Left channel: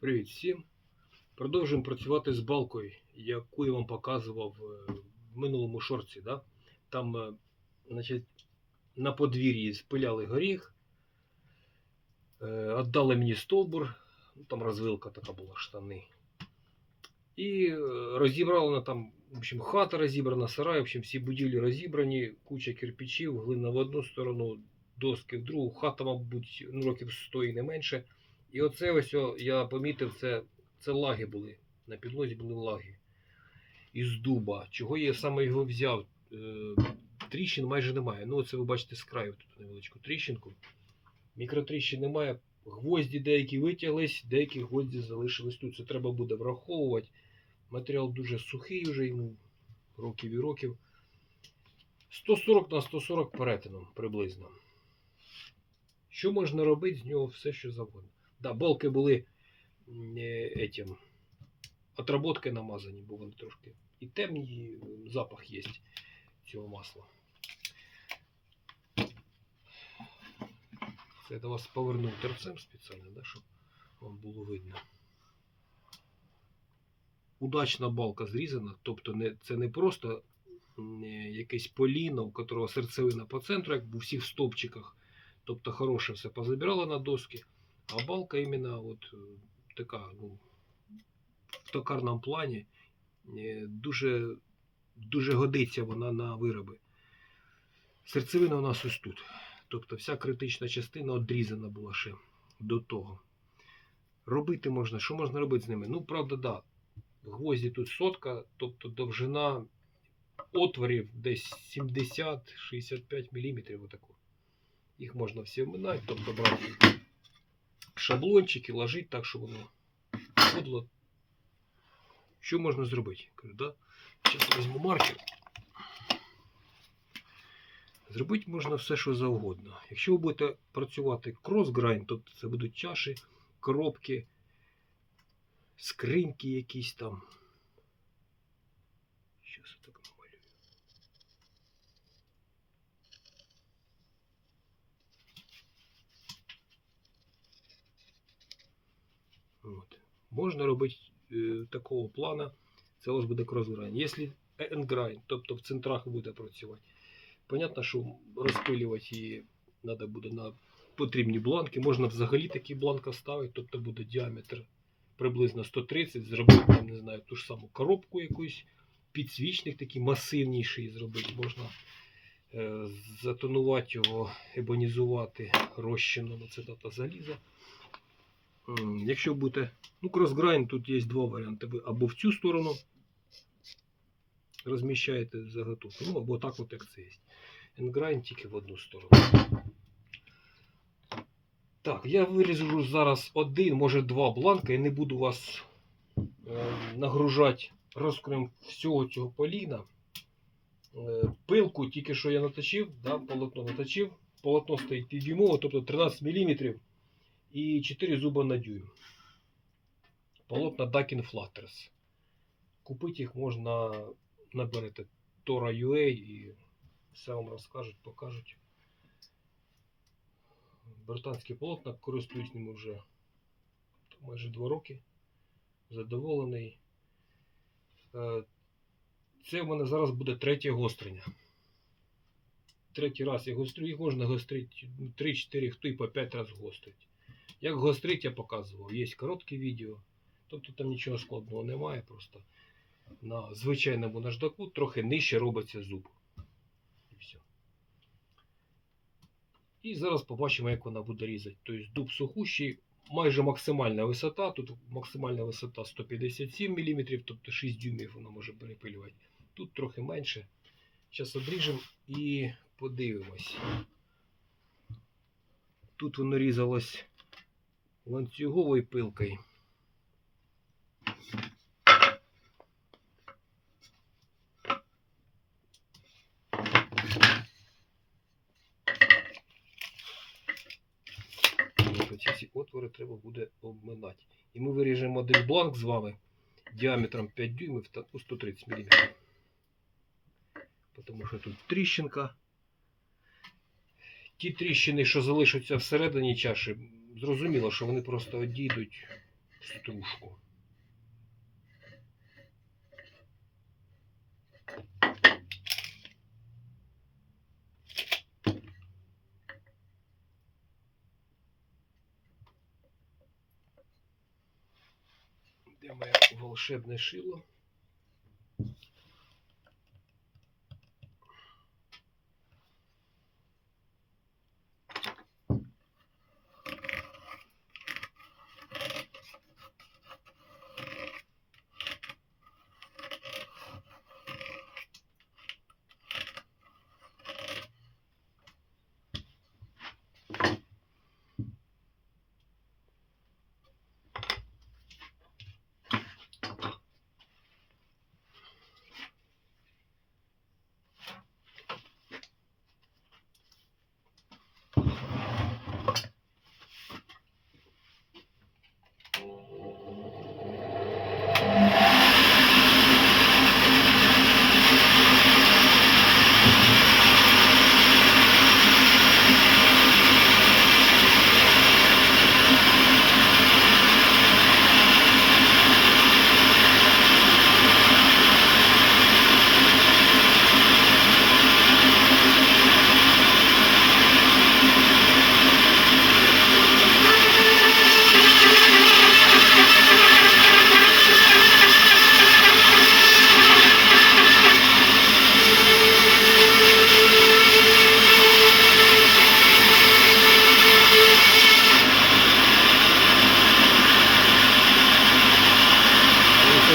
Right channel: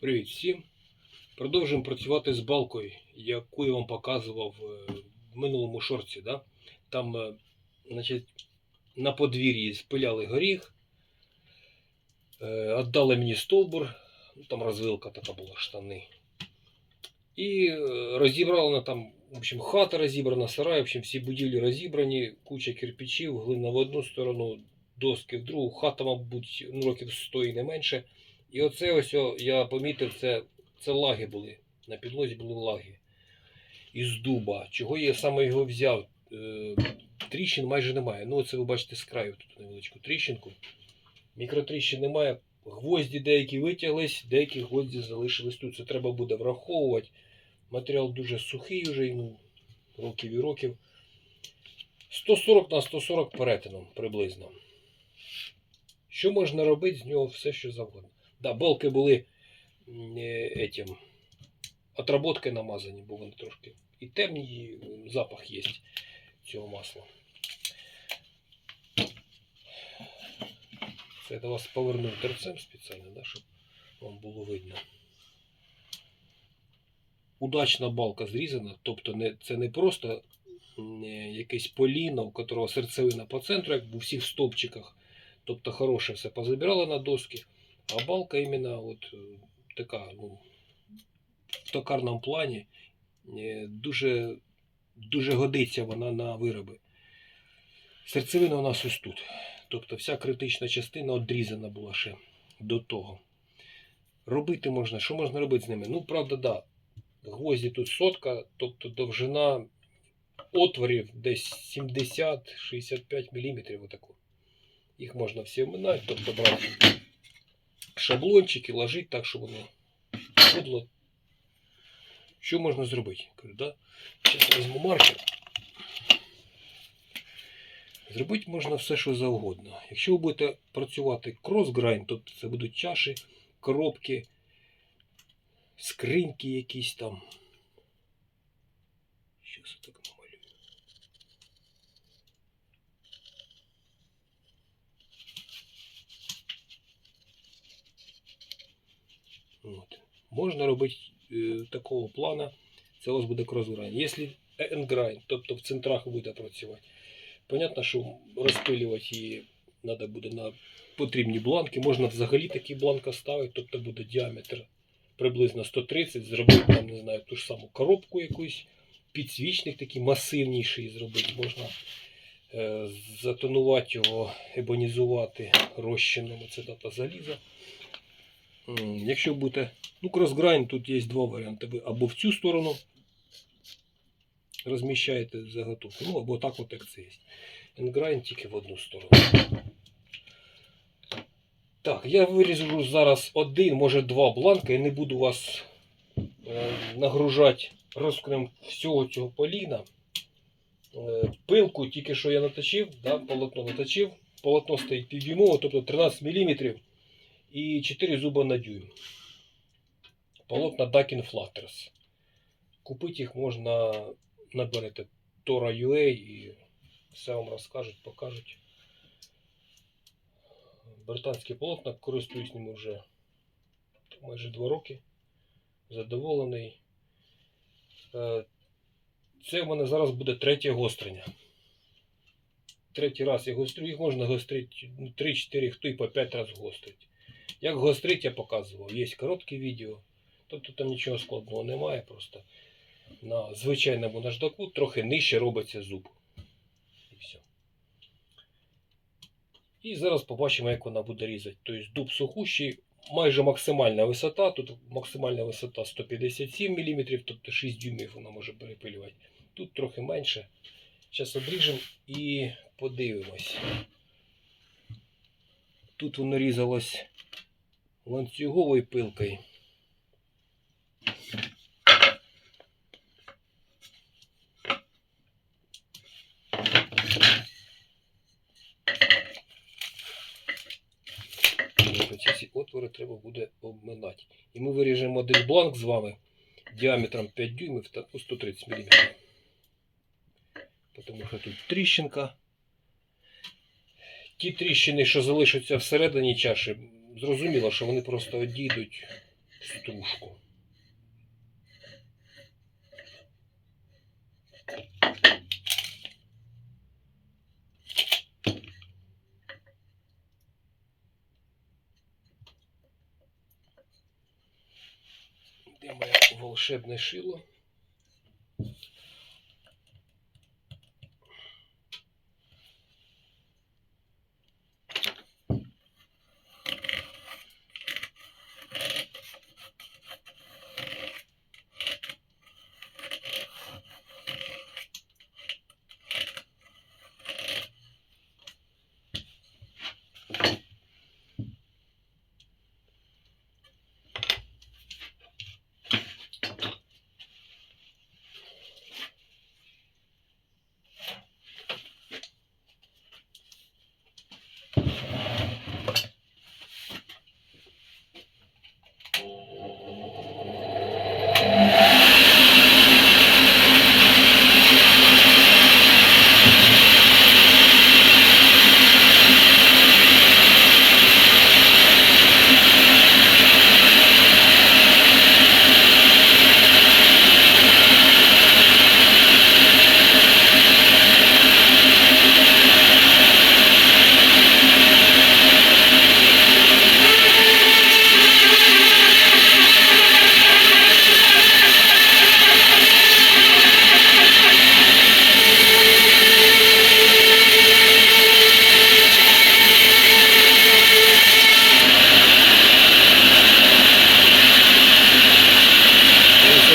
Привіт всім! Продовжуємо працювати з балкою, яку я вам показував е, в минулому шорці. Да? Там е, значить, на подвір'ї спиляли горіх, е, віддали мені стовбур, ну, там розвилка така була, штани. І розібрали на там, в общем, хата розібрана, сарай, в общем, всі будівлі розібрані, куча кирпичів, глина в одну сторону, доски в другу, хата, мабуть, ну, років 100 і не менше. І оце ось я помітив, це, це лаги були. На підлозі були лаги. Із дуба. Чого я саме його взяв? Е, тріщин майже немає. Ну, оце ви бачите з краю тут невеличку тріщинку. Мікротріщин немає. Гвозді деякі витяглись, деякі гвозді залишились тут. Це треба буде враховувати. Матеріал дуже сухий вже, йому років і років. 140 на 140 перетином приблизно. Що можна робити з нього все, що завгодно. Да, балки були е, этим, отработкою намазані, бо вони трошки і темні, і запах є цього масла. Це я до вас повернув терцем спеціально, да, щоб вам було видно. Удачна балка зрізана, тобто не, це не просто м, е, якесь поліно, у которого серцевина по центру, як в усіх стовпчиках. Тобто хороше все позабирала на доски, а балка іменно от е, така, ну, в токарному плані е, дуже, дуже годиться вона на вироби. Серцевина у нас ось тут. Тобто вся критична частина одрізана була ще до того. Робити можна, що можна робити з ними? Ну, правда, да. Гвозді тут сотка, тобто довжина отворів десь 70-65 мм. Отаку. Їх можна всі вминати, тобто брати шаблончики, ложить так, щоб воно входило. Що можна зробити? Кажу, да? Зараз візьму маркер. Зробити можна все, що завгодно. Якщо ви будете працювати крос-грайн, тобто це будуть чаші, коробки, скриньки якісь там. Щас я так намалюю. От. Можна робити е, такого плана. Це вас буде крос-грайн. Якщо енграйн, тобто в центрах ви будете працювати. Понятно, що розпилювати її треба буде на потрібні бланки. Можна взагалі такий бланк ставити, тобто буде діаметр приблизно 130, зробити там, не знаю, ту ж саму коробку якусь, підсвічник такий масивніший зробити. Можна е, затонувати його, ебонізувати розчином ацетата заліза. Якщо будете, ну, кросграйн, тут є два варіанти. Ви або в цю сторону розміщаєте заготовку, ну або так, от як це є. Енграйн тільки в одну сторону. Так, я виріжу зараз один, може два бланка і не буду вас е, нагружати розкрем всього цього поліна. Е, пилку тільки що я наточив, да, полотно наточив. Полотно стоїть півдюймове, тобто 13 мм і 4 зуба на дюйм. Полотна Ducking Flatters. Купити їх можна, наберете Tora.ua і все вам розкажуть, покажуть. Британське полотна, користуюсь ними вже майже 2 роки. Задоволений. Е, Це в мене зараз буде третє гострення. Третій раз я гострю, їх можна гострити 3-4, хто і по 5 разів гострить. Як гострить, я показував. Є коротке відео. Тобто там нічого складного немає. Просто на звичайному наждаку трохи нижче робиться зуб. І все. І зараз побачимо, як вона буде різати. Тобто дуб сухущий, майже максимальна висота. Тут максимальна висота 157 мм, тобто 6 дюймів вона може перепилювати. Тут трохи менше. Зараз обріжемо і подивимось. Тут воно різалось ланцюговою пилкою. Ці всі отвори треба буде обминати. І ми виріжемо один бланк з вами діаметром 5 дюймів та ну, 130 мм. Тому що тут тріщинка. Ті тріщини, що залишаться всередині чаші, зрозуміло, що вони просто одійдуть стружку. Де моє волшебне шило?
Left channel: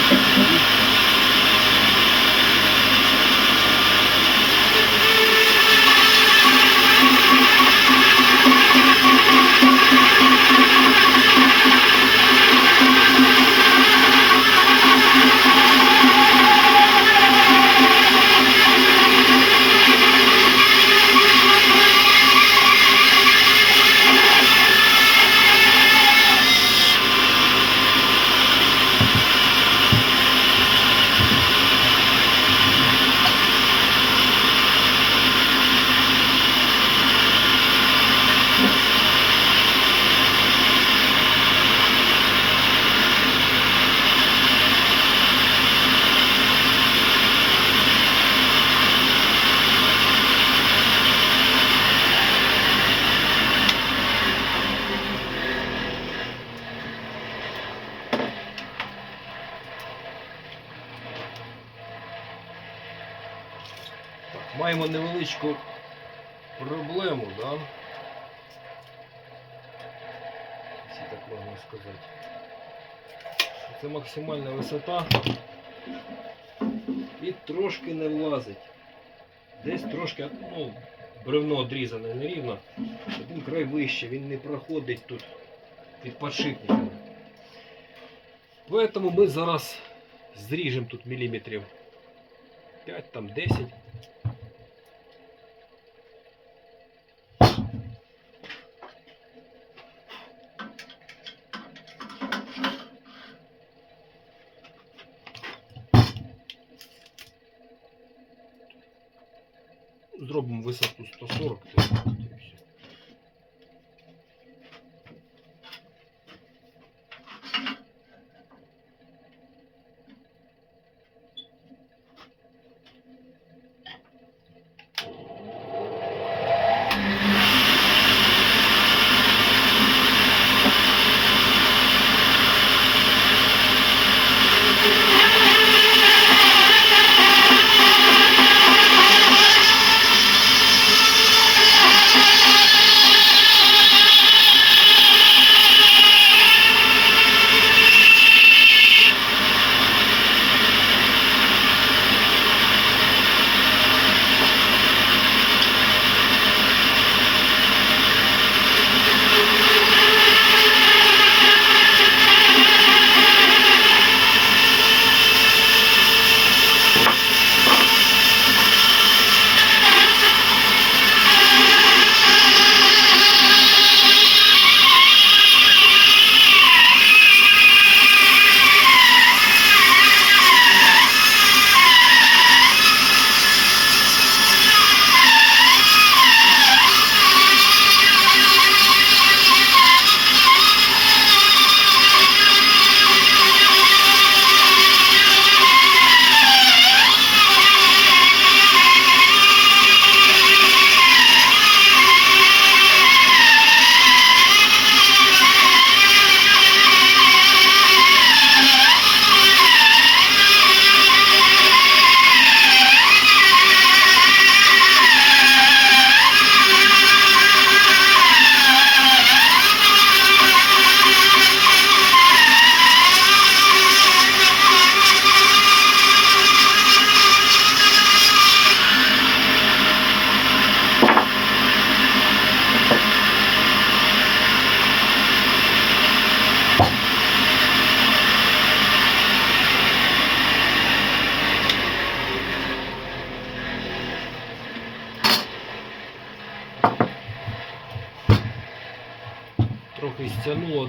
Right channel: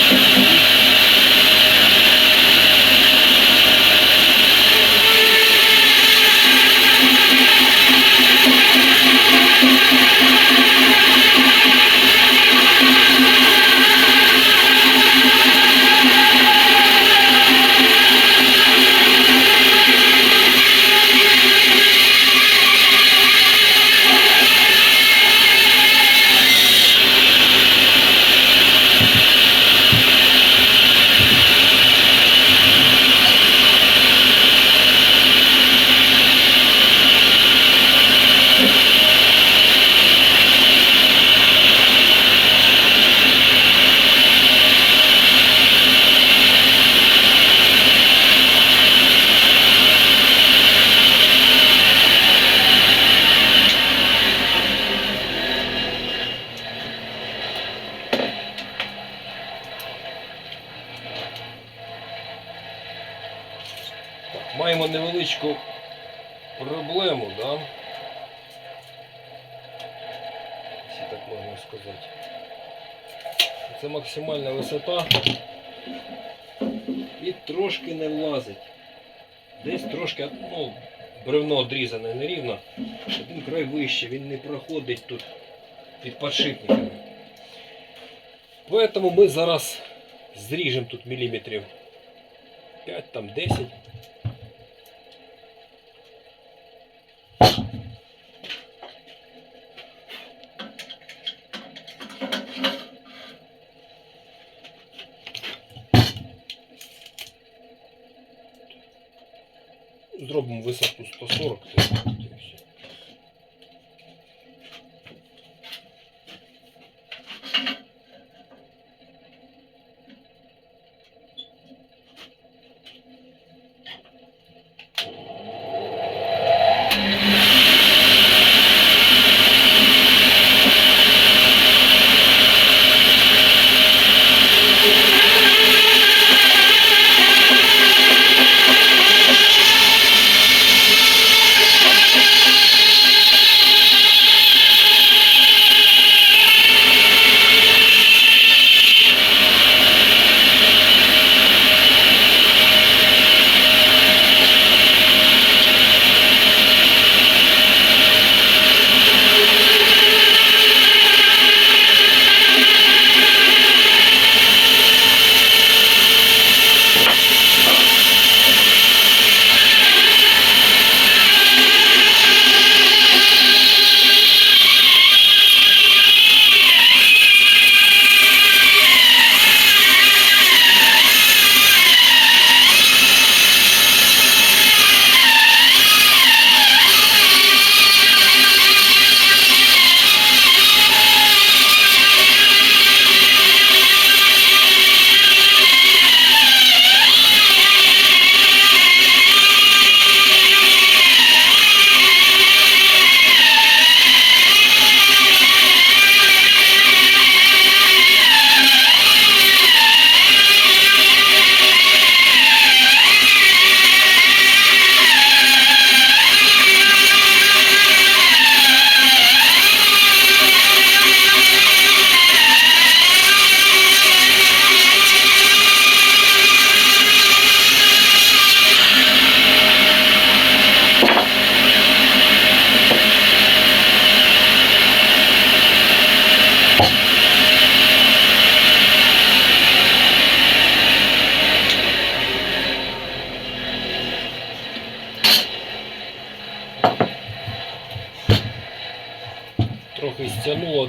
Так, маємо невеличку проблему, да? Якщо так можна сказати. Це максимальна висота. І трошки не влазить. Десь трошки, ну, бревно одрізане нерівно. Один край вище, він не проходить тут під подшипниками. Поэтому ми зараз зріжемо тут міліметрів 5, там 10. Зробимо висоту 140.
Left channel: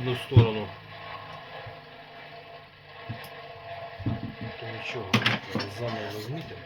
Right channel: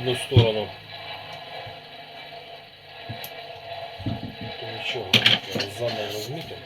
Одну сторону. То нічого, зараз заново розмітимо.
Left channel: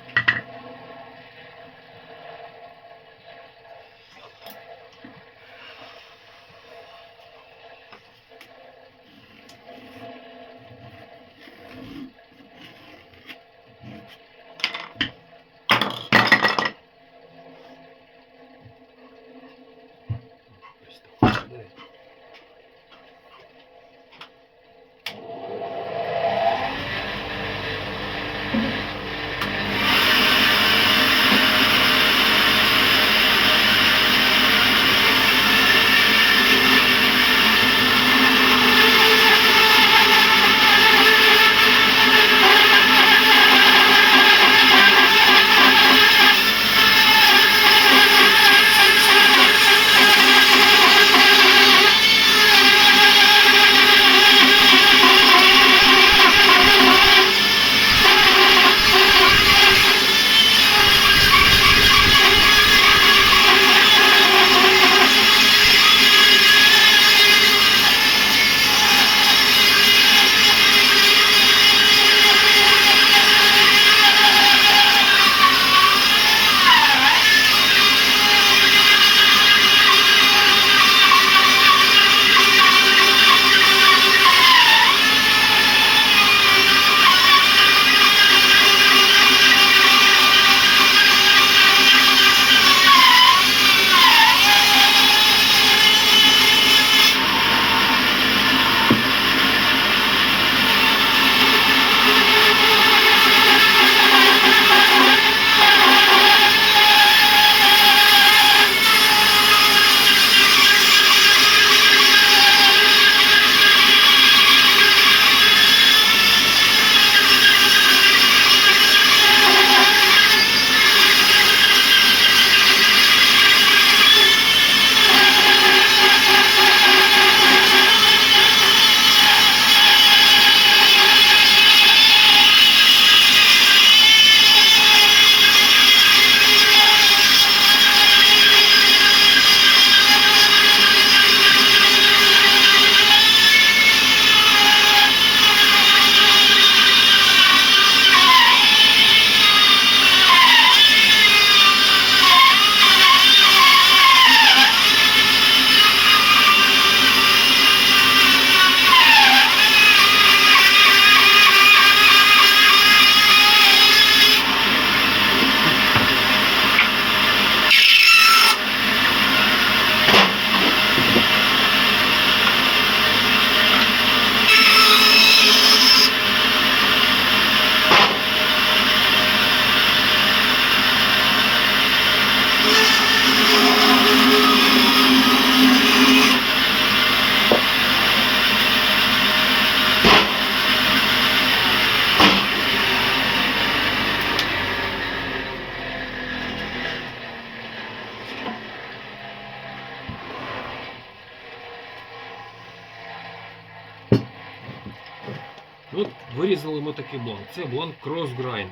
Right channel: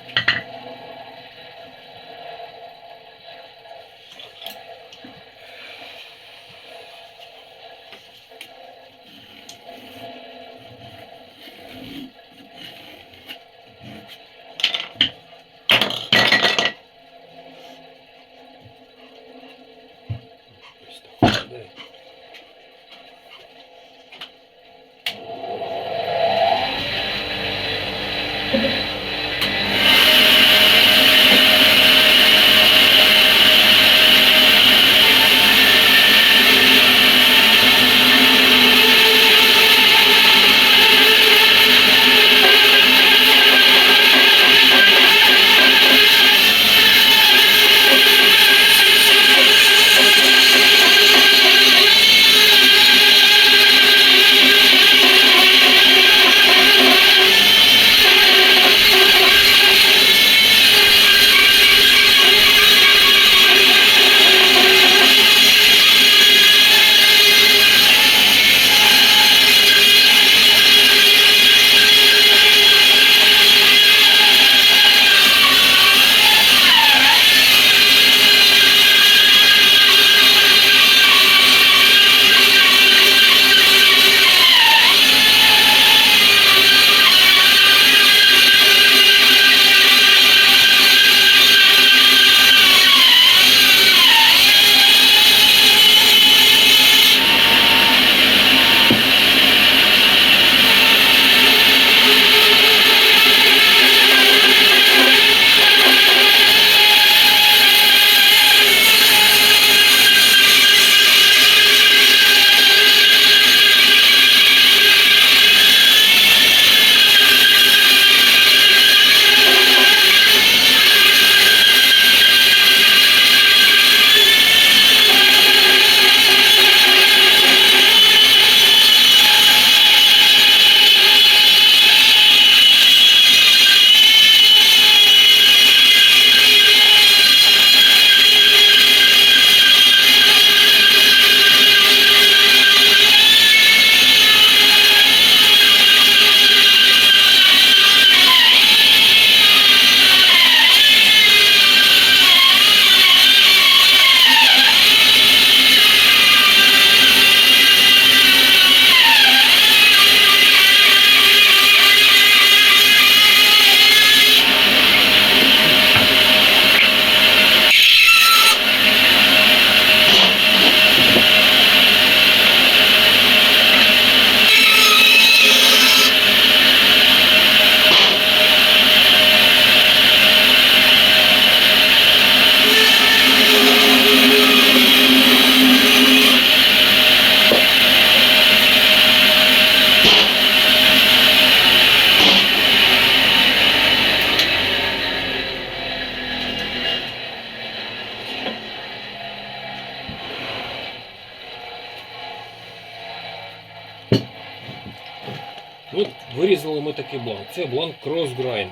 Вирізали ми такий бланк. Це бланк Crossgrind.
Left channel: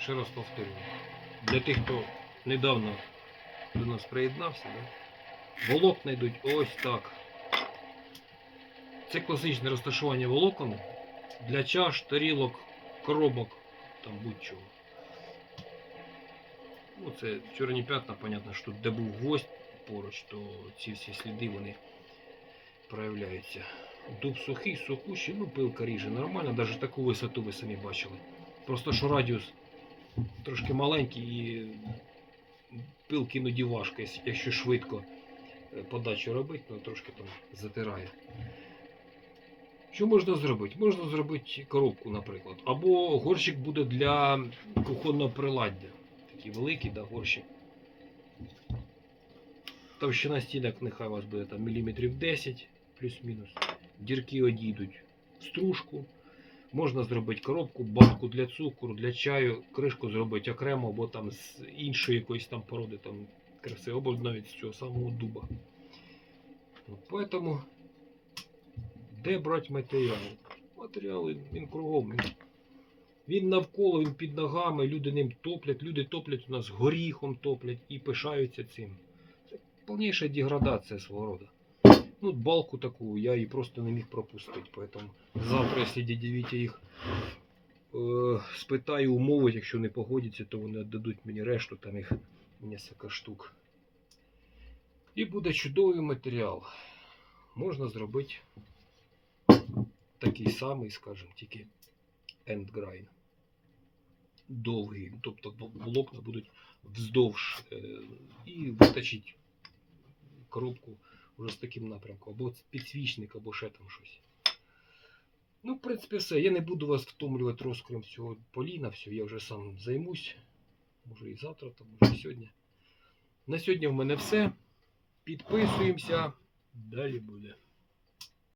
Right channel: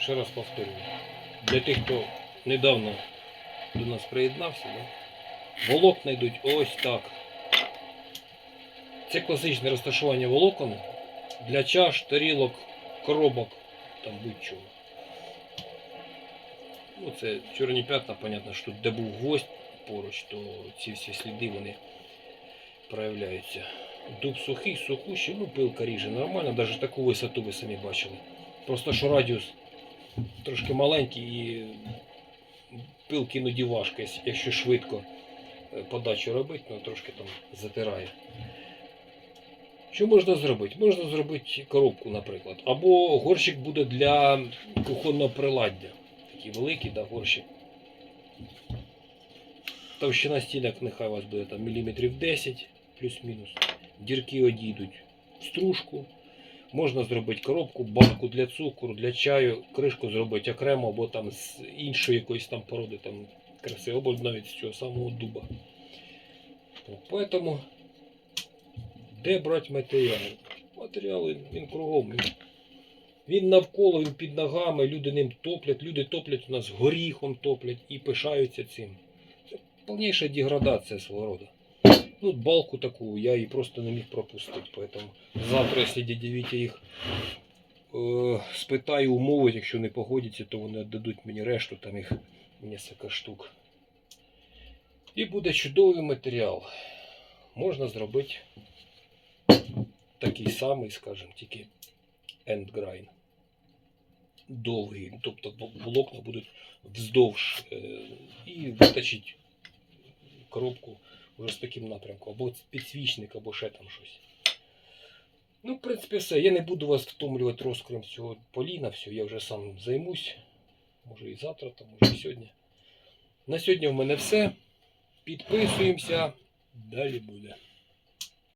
Ще раз повторюю. Для тих, хто недавно до нас приєднався, да? волокна йдуть ось так. Це класичне розташування волокон для чаш, тарілок, коробок, там будь-чого. Ну, це чорні п'ятна, понятно, що тут де був гвоздь поруч, то ці всі сліди вони проявляються. Дуб сухий, сухущий, ну пилка ріже нормально, навіть таку висоту ви самі бачили. Просто що радіус трошки маленький і пилки іноді важко, якщо- швидко е, подачу робити, ну трошки там затирає. Що можна зробити? Можна зробити коробку, наприклад. Або горщик буде для кухонного приладдя. Такий великий, да, горщик. Товщина стінок нехай у вас буде там міліметрів 10, плюс-мінус. Дірки одійдуть в стружку. Можна зробити коробку, банку для цукру, для чаю, кришку зробити окремо, або там з іншої якоїсь там породи, там краси, або навіть з цього самого дуба. Поэтому де брати матеріал? Матеріал він, кругом. Він навколо, він під ногами, люди ним топлять, люди топлять у нас горіхом топлять і пишаються цим. Це повніша деградація свого роду. Ну, балку таку я її просто не міг пропустити. Поэтому завтра, якщо дяді Вітя їх е, спитаю умови, якщо не погодяться, то вони віддадуть мені решту, там їх кілька штук. І буде чудовий матеріал. Можна зробити такий самий, скажімо, тільки endgrind. Довгий. Тобто волокна будуть вздовж е, і виточити коробку вже з таким напрямком. Або підсвічник, або ще там щось. Ну, в принципі, все. Я не буду вас втомлювати розкрім цього поліна. Все, я вже сам займусь. Може і завтра, там, може і сьогодні. На сьогодні в мене все. Підписуємося. Далі буде.